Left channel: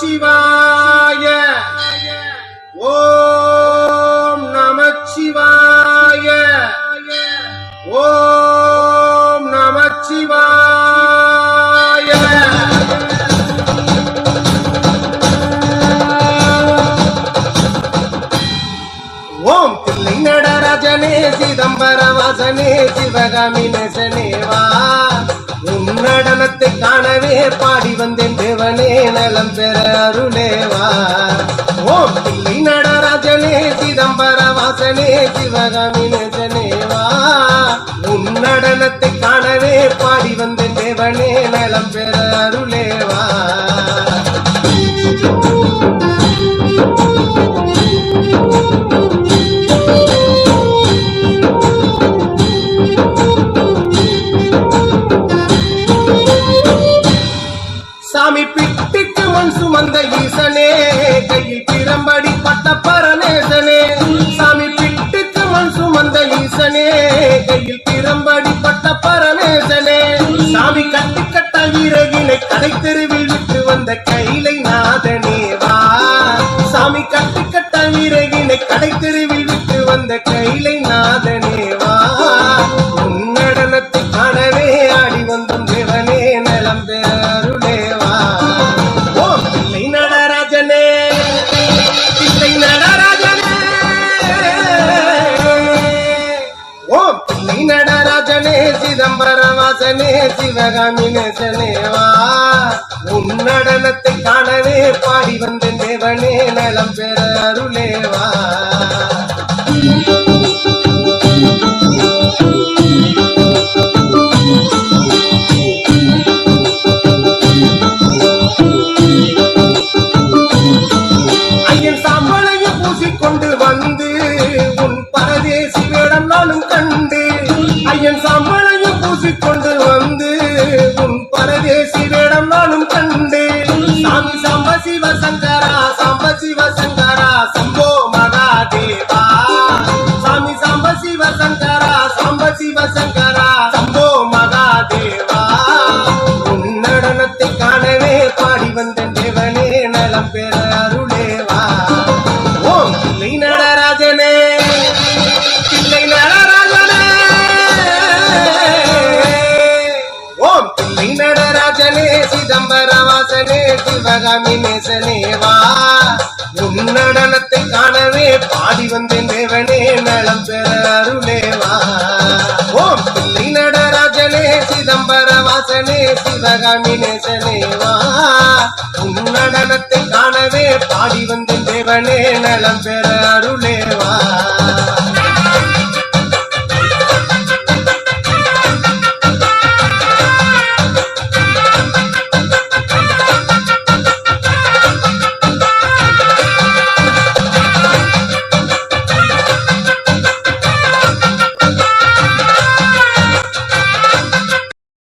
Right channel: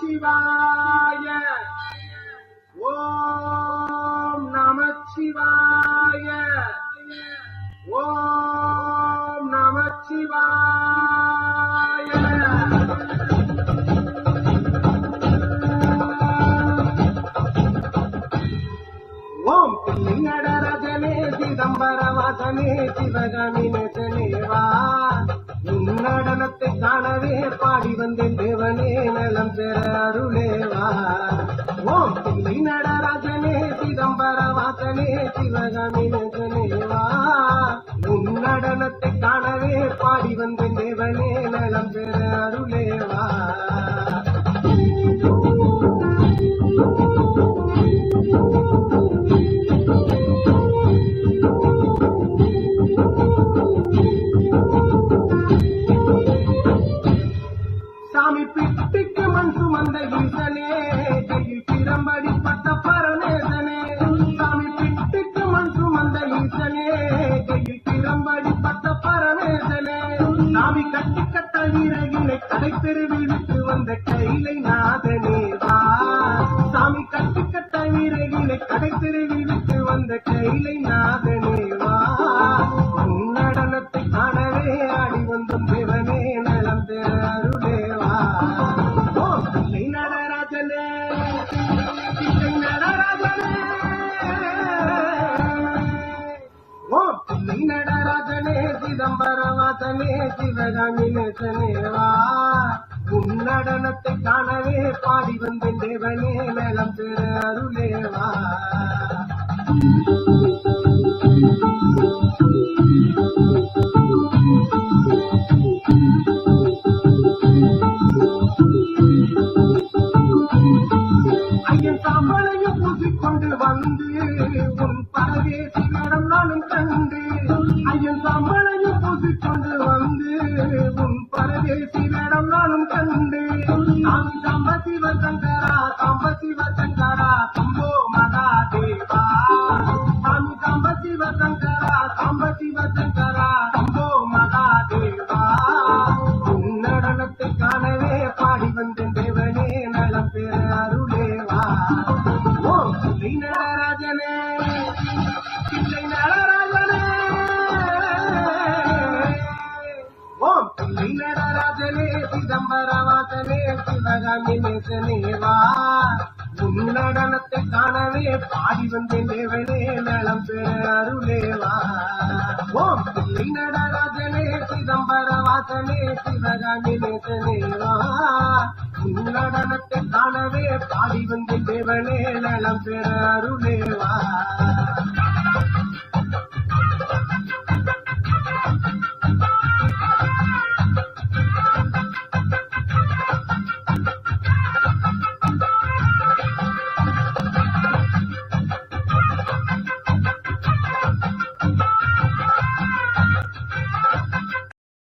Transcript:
நமச்சிவாய. ஓம் நமச்சிவாய. ஓம் நமச்சிவாய. ஓம் தில்லை நடராஜனே சிதம்பர வாசனே சிவகாமி நேசனேவா, உன் நடனத்தை காணவே பாடி வந்தேன் தேவனே நலம் பெற அருளேவா. ஓம் தில்லை நடராஜனே சிதம்பர வாசனே சிவகாமி நேசனேவா, உன் நடனத்தை காணவே பாடி வந்தேன் தேவனே நலம் பெற அருளேவா. சாமி பிட்டுக்கு மண் சுமந்த ஈசனே, கையில் பிரம்படி பட்ட பரமேசனே. சாமி பிட்டுக்கு மண் சுமந்த ஈசனே, கையில் பிரம்படி பட்ட பரமேசனே. சாமி கட்டி கட்ட வீரகினை கடை தெருவில் விட்டு வந்த கைலை நாதனேவா. சாமி கட்டி கட்ட வீரகினை கடை தெருவில் விட்டு வந்த கைலை நாதனேவா. உன் நடனத்தை காணவே ஆடி வந்தோம் தேவனே நலம் பெற அருளேவா. ஓம் தில்லை நடராஜனே தில்லை நடராஜனே. ஓம் தில்லை நடராஜனே சிதம்பர வாசனே சிவகாமி நேசனேவா, உன் நடனத்தை காணவே பாடி வந்தேன் தேவனே நலம் பெற அருளேவா. ஐயன் சாம்பலையும் பூசிக்கொண்டு வந்து உன் பரதேசி வேடம் நானும் கண்டு. ஐயன் சாம்பலையும் பூசிக்கொண்டு வந்து உன் பரதேசி வேடம் நானும் கண்டு. சாமி சாம்ப சிவசங்கரா சாம்ப சிவசங்கரா சம்போ மகாதேவா. சாமி சாம்ப சிவசங்கரா சாம்ப சிவசங்கரா சம்போ மகாதேவா. உன் நடனத்தை காணவே பாடி வந்தேன் தேவனே நலம் பெற அருளேவா. ஓம் தில்லை நடராஜனே தில்லை நடராஜனே. ஓம் தில்லை நடராஜனே சிதம்பர வாசனே சிவகாமி நேசனேவா, உன் நடனத்தை காணவே பாடி வந்தேன் தேவனே நலம் பெற அருளேவா. ஓம் தில்லை நடராஜனே சிதம்பர வாசனே சிவகாமி நேசனேவா, உன் நடனத்தை காணவே பாடி வந்தேன் தேவனே நலம் பெற அருளேவா.